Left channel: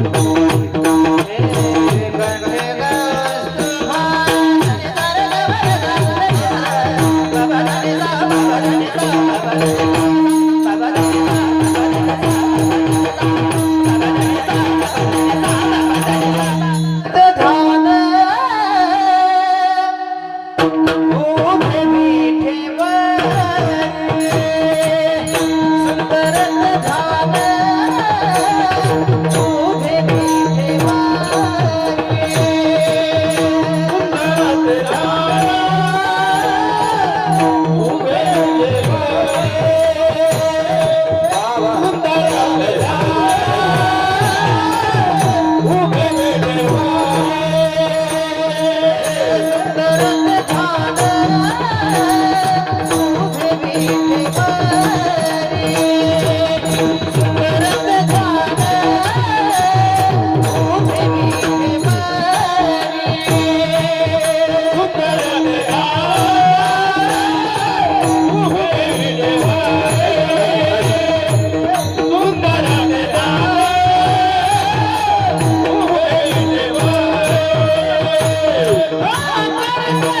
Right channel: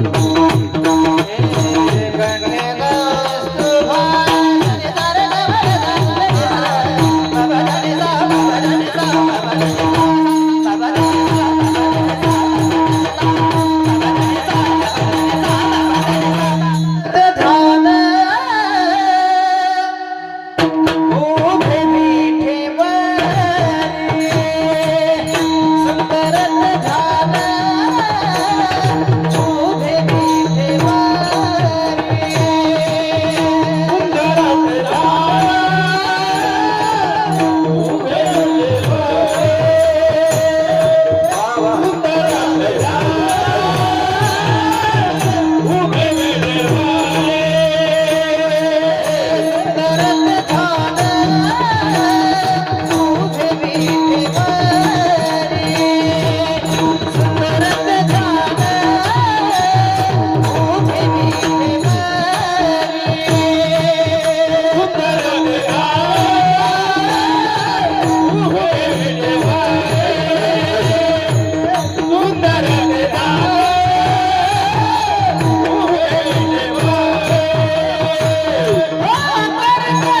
उभे Hey!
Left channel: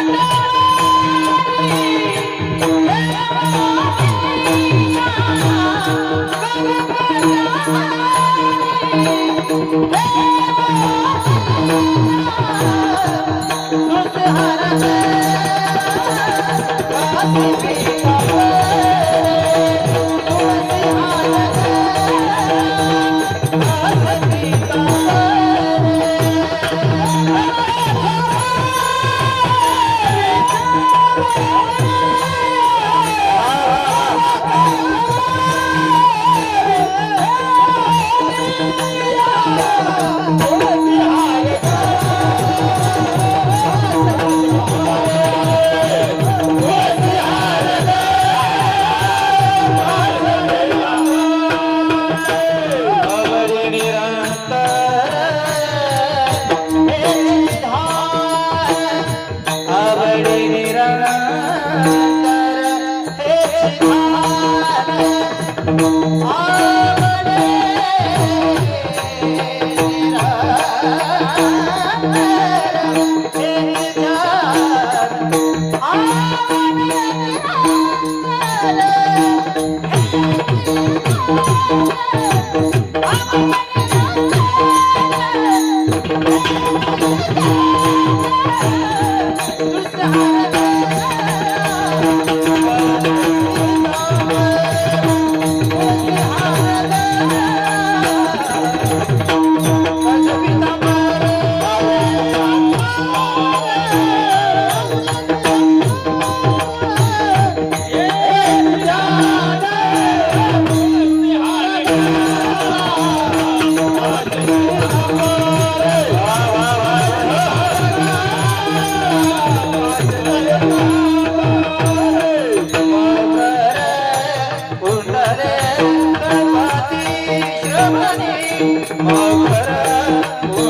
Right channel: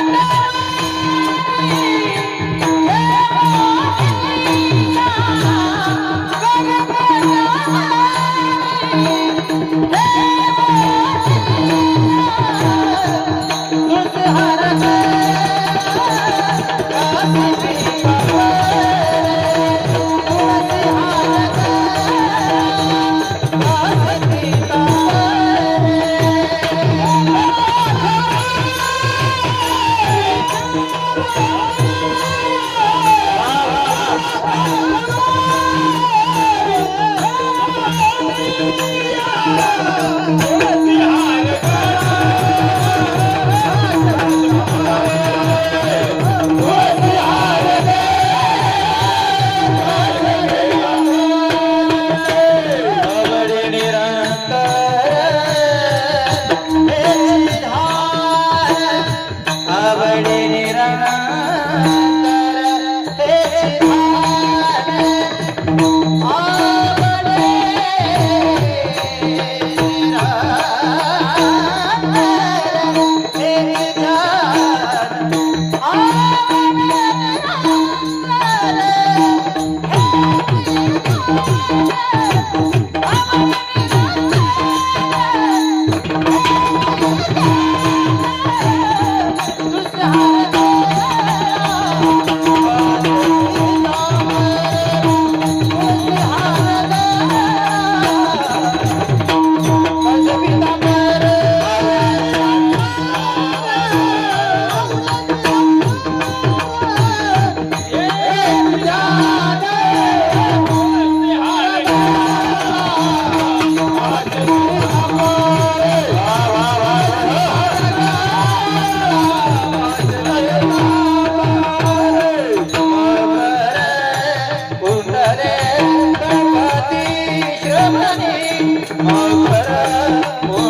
Oh,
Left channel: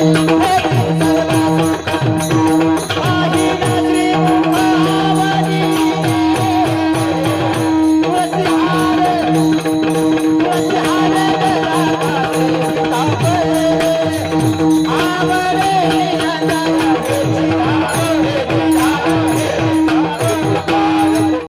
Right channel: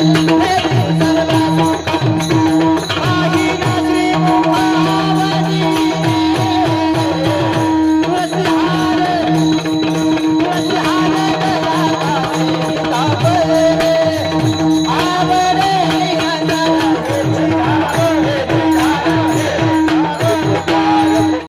Música